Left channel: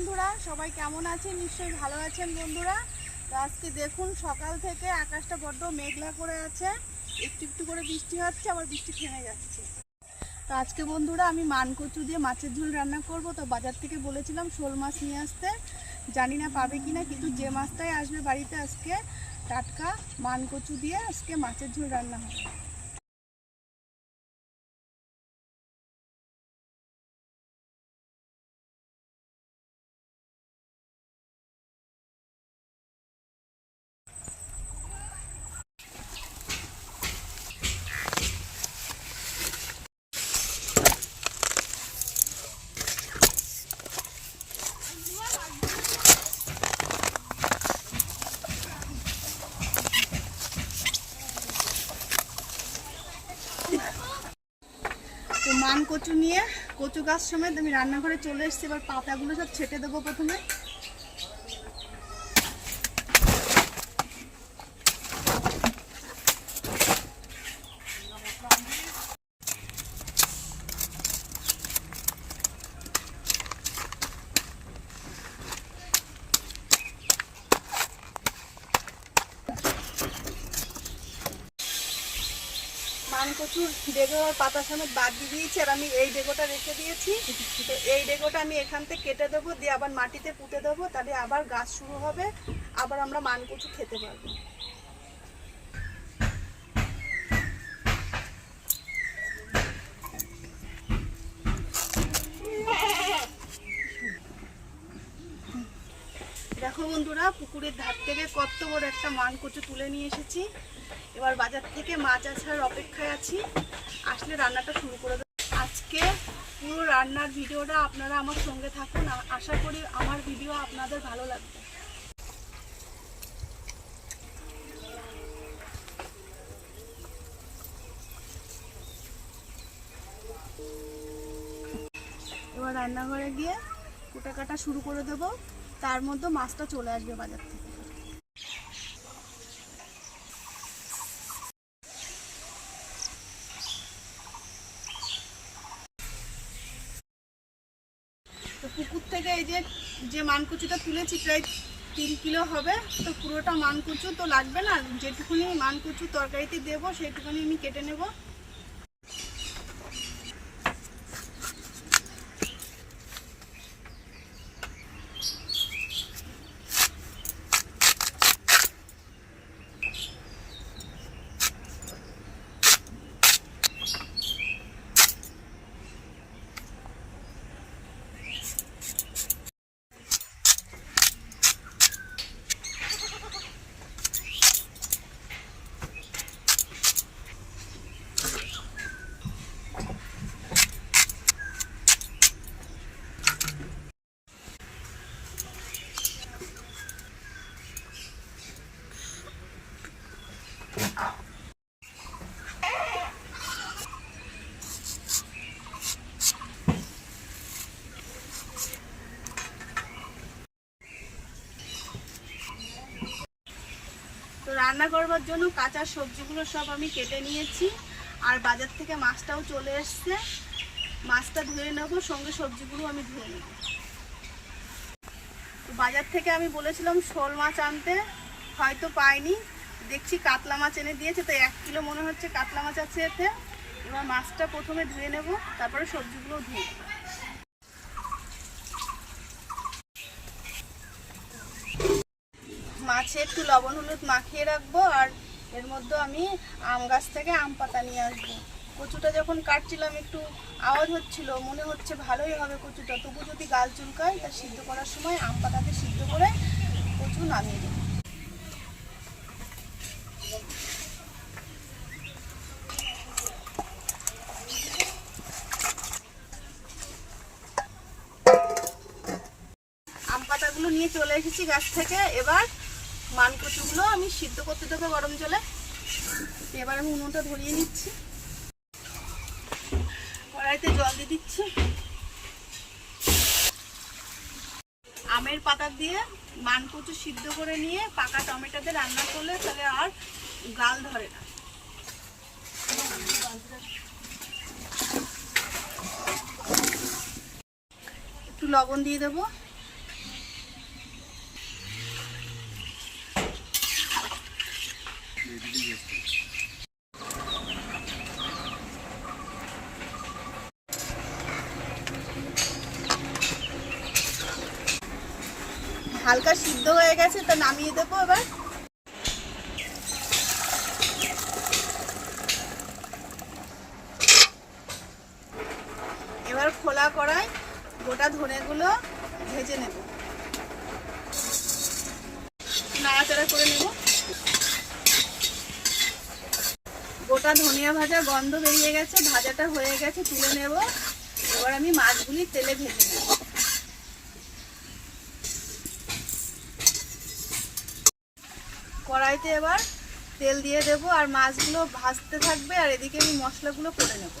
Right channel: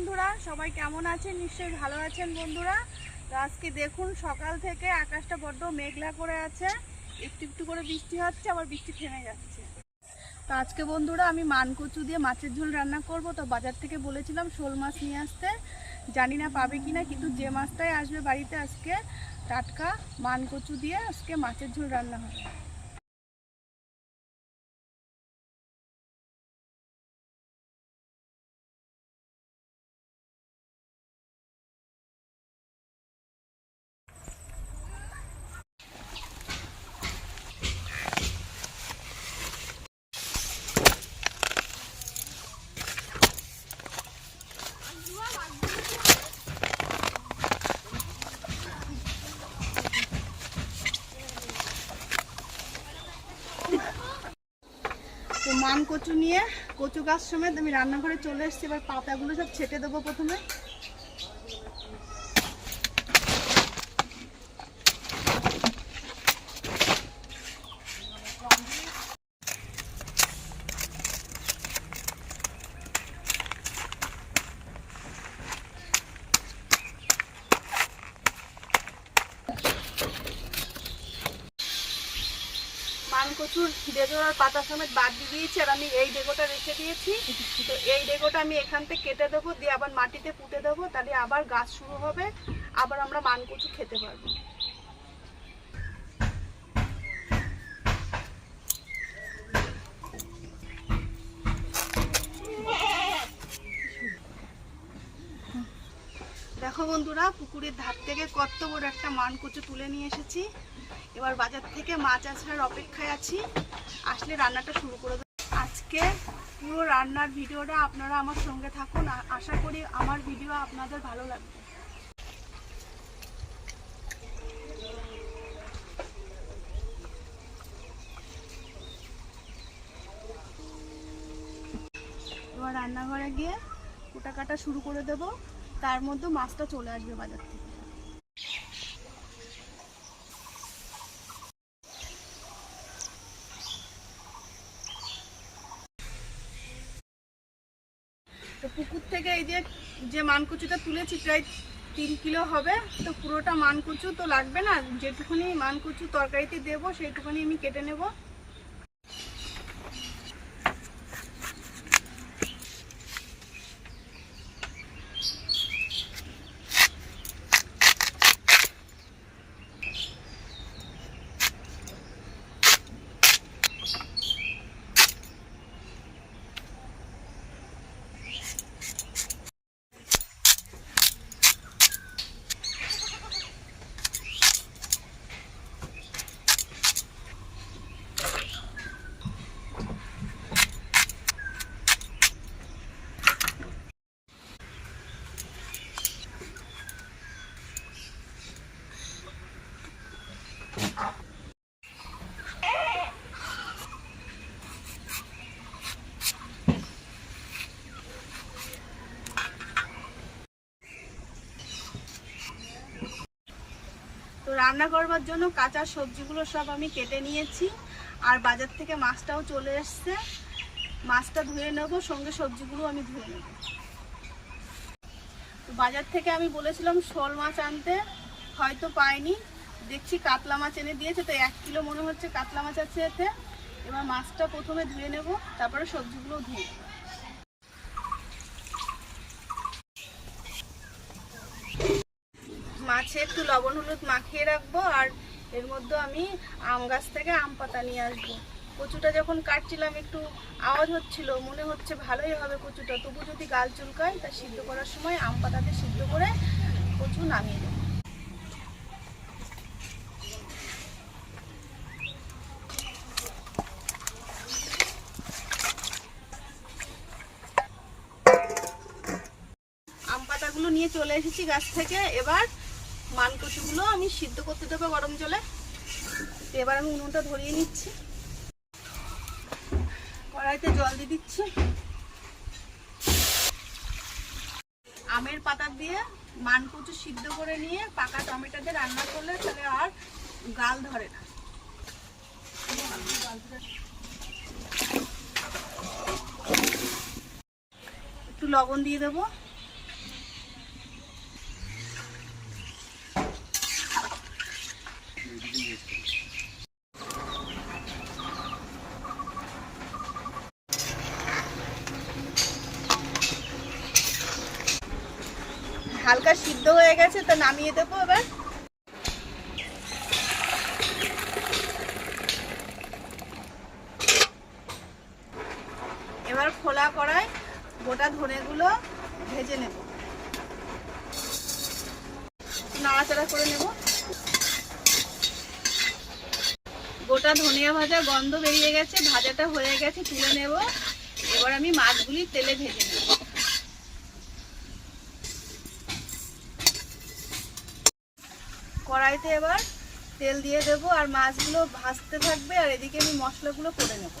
বন্ধুরা, সবাই কেমন আছেন? নিশ্চয়ই ভালো আছেন বন্ধুরা। তো আজকে দেখুন, সকাল থেকে আকাশটা বড্ড মেঘলা করে আছে। একটু একটু করে বৃষ্টি হচ্ছে, আবার বৃষ্টি থেমে যাচ্ছে। তো আজকে বন্ধুরা, আমি মানকচু দিয়ে মাছের ঝোল রান্না করব। তো বাজার থেকে বলেছিলাম শোল মাছ নিয়ে আসতে। জানি না পাবে কি না কিন্তু যে মাছটাই আসবে বাড়িতে আজকে, টাটকা মানকচু দিয়ে আজকে মাছের ঝোল রান্না হবে তো মান কচু নিয়ে, কচু গাছ সমেত আমি রান্নাঘরে চলে এসেছি, এবার পাতাগুলো সব ছেটে দেবো প্রথমে। মান কচুর ডেগো আর পাতা সমেত বাদ দিয়ে দিয়েছি, আর আমি এই ডেগোটা রেখে দিয়েছি। তো এই ডেগোটা আমি এখান থেকে কেটে দেবো, দিয়ে আবার মাটিতে পুঁতে দেবো, তাহলে আবার গাছ শুরু হবে, আবার আমরা মান কচু খেতে পারব। দেখো বন্ধুরা, পুকুরের ধার থেকে কত বড় একটা মান কচু তুলে নিয়ে এসেছি। এবার বাজার থেকে মাছ আসার অপেক্ষায় আছি। আসলে রান্নাটা শুরু করে দেবো। আজকে পুরো রান্নার ভিডিওটা আপনারা আমার সঙ্গে থাকুন। আশা করি আমার ভিডিও আপনাদের ভালো লাগবে। এবার রান্নাঘরে গিয়ে কুটা কাটা শুরু করে দেবো। তার মধ্যে মাছটা চলে আসবে বাজার থেকে। তো পুকুর থেকে এই যে যে মানকুচুটা তুলেছি, প্রায় তিন কিলো হবে। তো পুরোটা মানকুচু তো লাগবে না, যেটুকুনি মানকুচু তরকারিতে দেবো সেটুকুনি আমি কেটে নেব। রান্না করবার জন্য কাঁচা সবজিগুলো সব আমি কেটে নিয়েছি। আর বাজার থেকে মাছটাও চলে এসছে। মাছটা ধুয়ে নেব, সঙ্গে সবজিগুলো আমি ধুয়ে নেব। বাজার থেকে আমি বলেছিলাম শোল মাছ আনতে, হয়তো পাইনি। দেখছি কাতলা মাছ এনে দিয়েছে, তো এক কিলো মনে হচ্ছে কাতলা মাছ আছে এতে। এবার মাছটা প্রথমে ধুয়ে নেব, তারপরে সবজিগুলো ধুয়ে নেব। মাছে একটু লবণ হলুদ মাখিয়ে রাখব, আর এর মধ্যে আমি আম গাছ থেকে আম পাতা নিয়ে আসব। কচুটা যখন কাটছিলাম, একটু আওয়াজ হচ্ছিল, মনে হচ্ছে ভালোই হবে কচুটা। তবু যদি গাল চুলকায়, তা সিদ্ধ করার সময় আম পাতাতে সিদ্ধ করে কচু নামিয়ে দেবো। আম পাতাগুলো নিয়ে চলে এসেছি গাছ থেকে। এবার মান কচুগুলো আমি সিদ্ধ করতে দেবো গরম জলে। এবার আমি উনুনটা ধরিয়ে নিচ্ছি। কড়াইতে জল দিয়ে দিচ্ছি। আমের পাতা দিয়ে মান কচু সিদ্ধ করে নিয়ে পাকা টমেটো দিয়ে রান্না করলে তাহলে আর গাল ধরে না। একটু লবণ দিয়ে দেবো। হালকা সিদ্ধ হয়ে গেছে, তা নামিয়ে দেবো এবার। এবার খোলা করায় গোটা ধনেগুলো ভেজে নেব। নাড়াচাড়া করে নেব। গোটা ধনিয়া ভাজা গন্ধ বেরিয়ে গেছে, ভাজাটা হয়ে গেছে, তুলে নেব। এবার আমি মাছগুলি তেলে ভেজে নেব। কড়াইতে এবার তেল দিয়ে দেব আর মাছগুলো ভাজতে থাকবে আর এদিকে আমি মশলাগুলো করে নেব।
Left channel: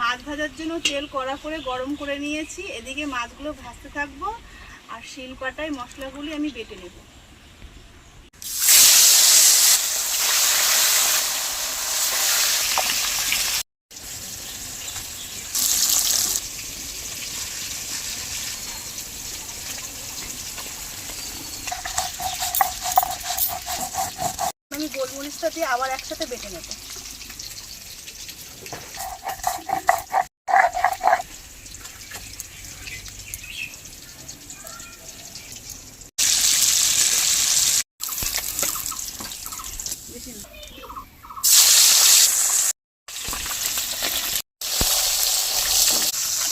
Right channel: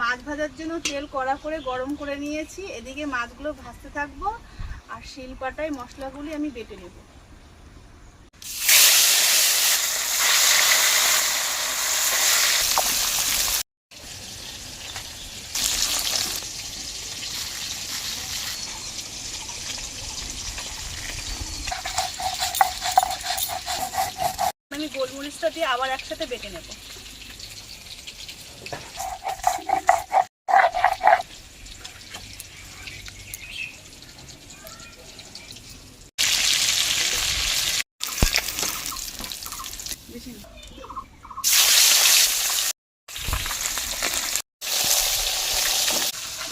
মাছ ভাজার জন্য তেল কড়া করে গরম করে নিয়েছি, এদিকে মাছগুলো ভাজতে থাকব। আর শিলপাটায় মশলাগুলি আমি বেটে নেব। আমি গোলমরিচটা দিয়ে আবার একসাথে বেটে নেব বেশি না।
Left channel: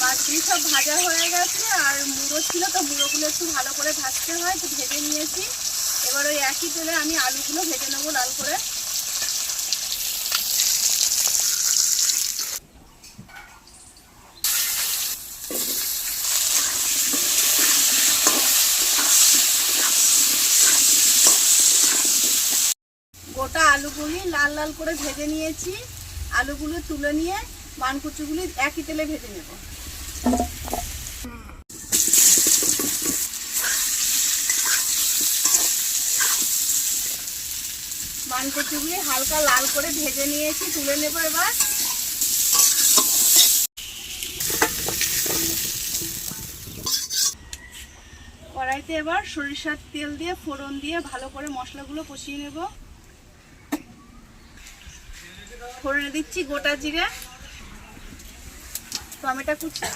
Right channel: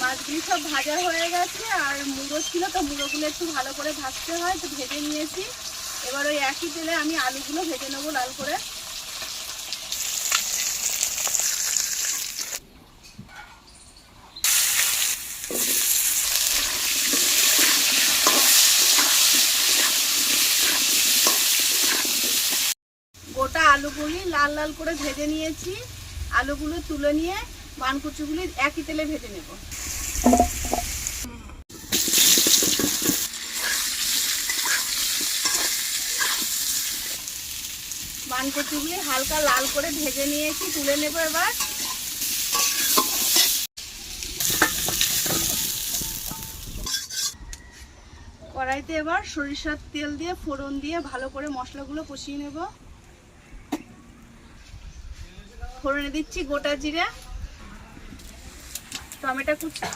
মাছগুলি সব ভাজা হয়ে গেছে, আর মুড়ো ছিল তো মুড়োগুলো একটু ভালো করে ভাজতে হয় তো ভেজে নিয়েছি। এবার ওই একই তেলে আমি আলুগুলো ভেজে নেব লাল করে। গোটা আলুগুলি লাল লাল করে ভেজে নিয়েছি। আলুগুলো তুলে নিয়ে মানকুচুগুলি একই তেলে ভেজে নেব। মানকুচুগুলি হালকা লাল করে ভেজে নিয়েছি, তুলে নেব এবার। কড়াইতে এবার সরিষার তেল দিয়ে, ফোড়ন দিয়ে ভালো করে মশলাগুলো কষিয়ে নেব। ফোড়নে দিচ্ছি গোটা জিরে। টমেটো কুচি।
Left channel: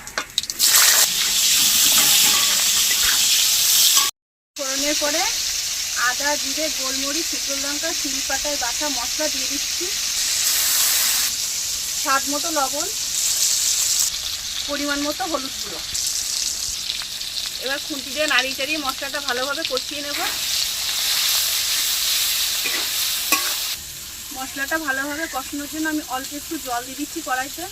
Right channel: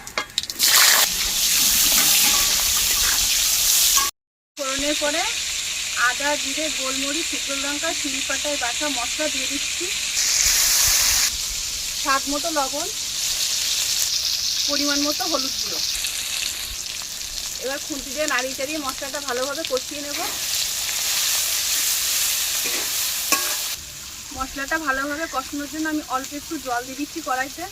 ফোড়নের পরে আদা, জিরে, গোলমরিচ, শুকনো লঙ্কা, শিল পাতায় বাটা মশলা দিয়ে দিচ্ছি। স্বাদ মতো লবণ, পরিমাণ মতো হলুদ গুঁড়ো। এবার খুন্তি দিয়ে নাড়িয়ে চাড়িয়ে মশলাটা ভালোভাবে কষিয়ে নেব। মশলাটা ভালোভাবে কষানোর জন্য আমি অল্প একটু জল দিয়ে দিচ্ছি কড়াইতে।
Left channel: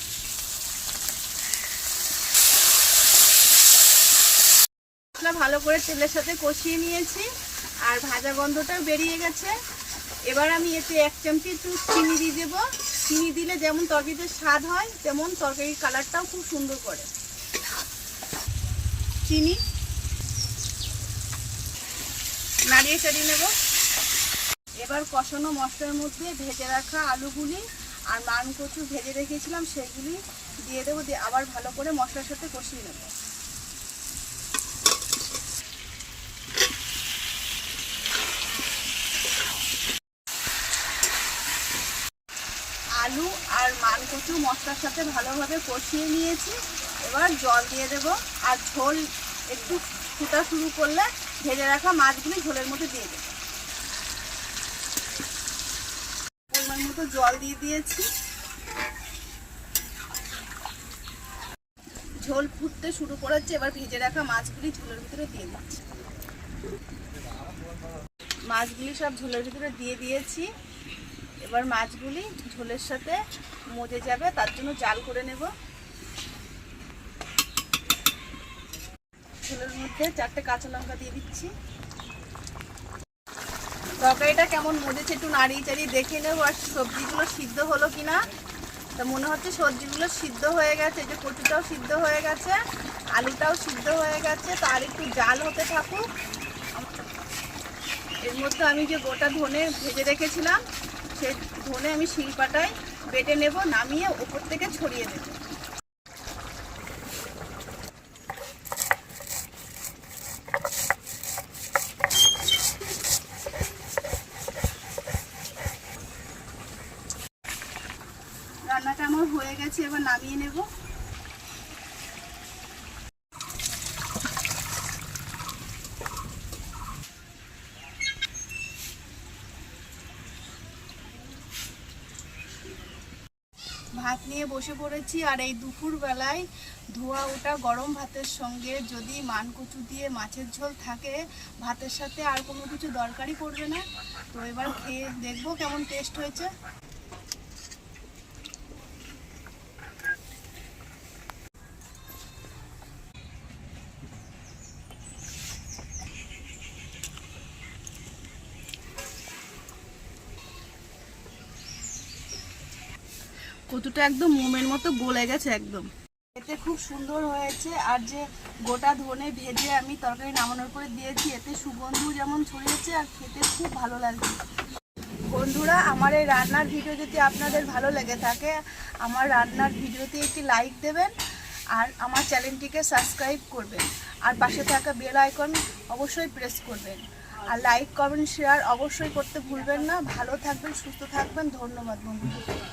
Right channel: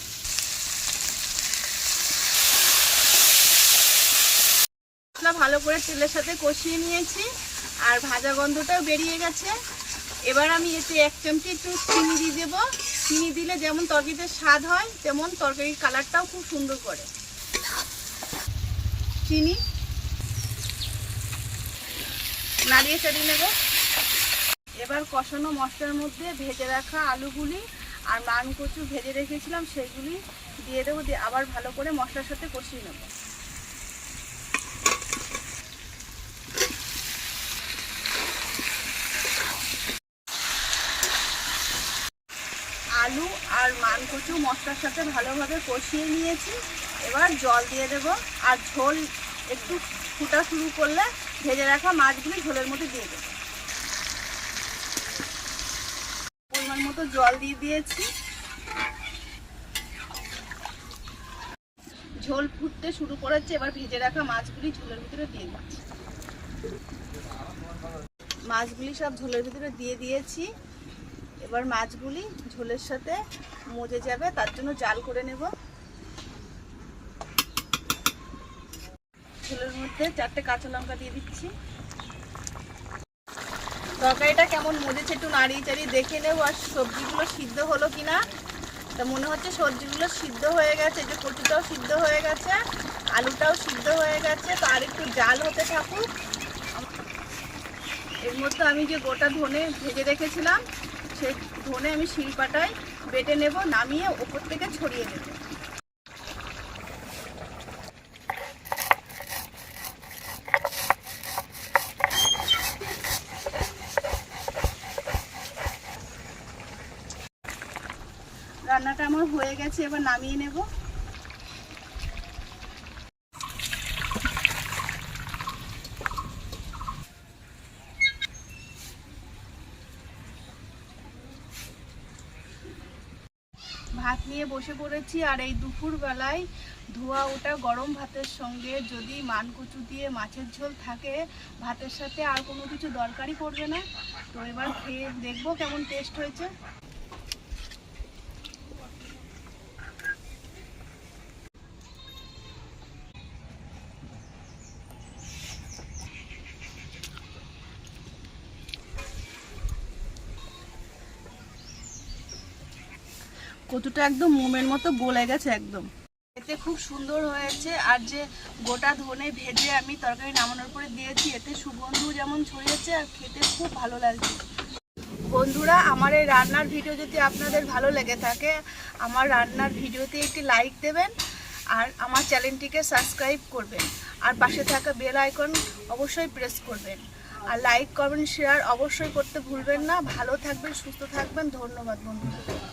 মশলা ভালো করে তেলের সাথে কষিয়ে নিয়েছি আর ভাজা গন্ধটাও বেরিয়ে গেছে। এবার আমি এতে এক চামচি একটু চিনি দিয়ে দেবো। চিনি দিলে যেমন তরকারিতে স্বাদ হয়, তেমন তরকারির কালারটাও খুব সুন্দর করে। চিনি। নাড়িয়ে চাড়িয়ে নেব। এবার কষানো মশলার মধ্যে ভেজে রাখা আলুগুলি আর মান কচু ভেজে রেখেছিলাম, সেগুলি দিয়ে দেবো, দিয়ে আবার ভালো করে মশলার সাথে কষিয়ে নেব। আলু আর মান কচু মশলার সাথে ভালোভাবে কষিয়ে নিয়েছি। এবার জল দিয়ে দেব। আর ঝোল একটু ফুটা শুরু করলে ভেজে রাখা মাছগুলি ঝোলের মধ্যে দিয়ে দেবো। পরিমাণ মতো জল দিয়ে দিয়েছি। ঝোল ফুটতে শুরু করেছে। এবার ভেজে রাখা মাছগুলি ঝোলের ভিতরে দিয়ে দিচ্ছি। মাছগুলি সব ঝোলের ভিতরে দিয়ে দিয়েছি। এবার মাছগুলি ঝোলের সাথে মজে যাবে, তার জন্য জাল করে নেব। ঝোলের মধ্যে চারটে কাঁচা লঙ্কা দিয়ে দিচ্ছি। তরকারিটা কেমন মজেছে একটু নাড়িয়ে চাড়িয়ে দেখে নেব, আর সবজিগুলো সিদ্ধ হলো কিনা। তা মনে হচ্ছে সবজিগুলো সিদ্ধ হয়ে গেছে, যে কচুটাও সিদ্ধ হয়ে গেছে, আলুটাও সিদ্ধ হয়ে গেছে তো আর একটু জাল হতে থাকুক। এর মধ্যে আমি যে গোটা ধনে ভেজে রেখেছিলাম সেই ধনে আমি শিলপাটায় বেটে নেব, নামিয়ে ওপর থেকে ছড়িয়ে দেব। রান্নাটা আমার হয়ে গেছে, এবার নামিয়ে নেব। ভাত নিয়ে বসে পড়েছি আর এই দুপুর বেলায় ধোয়া ওটা গরম ভাতের সঙ্গে। যদি মান মানকচু দিয়ে মাছের ঝোল থাকে, ভাতের সাথে আর কোনো কিছু দরকারই পড়বে না। তো এবার খেয়ে দেখব কেমন টেস্ট হয়েছে। কচুটা একদম মোমের মতো গলে গেছে একদম। এতে খুব সুন্দর হয়েছে। আর যে গোটা ধনে ভেজে আমি তরকারি নামানোর পরে দিয়েছি, এতে সুগন্ধ যেমন ছড়িয়েছে আর খেতে খুব ভালো লাগছে। বন্ধুরা, আমার এই রান্নার ভিডিও যদি আপনাদের ভালো লেগে থাকে, আমার রান্নার ভিডিওতে একটি লাইক দেবেন আর আমার চ্যানেলটিকে সাবস্ক্রাইব করবেন। আর পাশে থাকা বেল আইকন অবশ্যই প্রেস করবেন। আর লাইক, কমেন্ট, শেয়ার অবশ্যই করতে ভুলবেন না। ভালো থাকবেন, সুস্থ থাকবেন। ধন্যবাদ বন্ধুরা।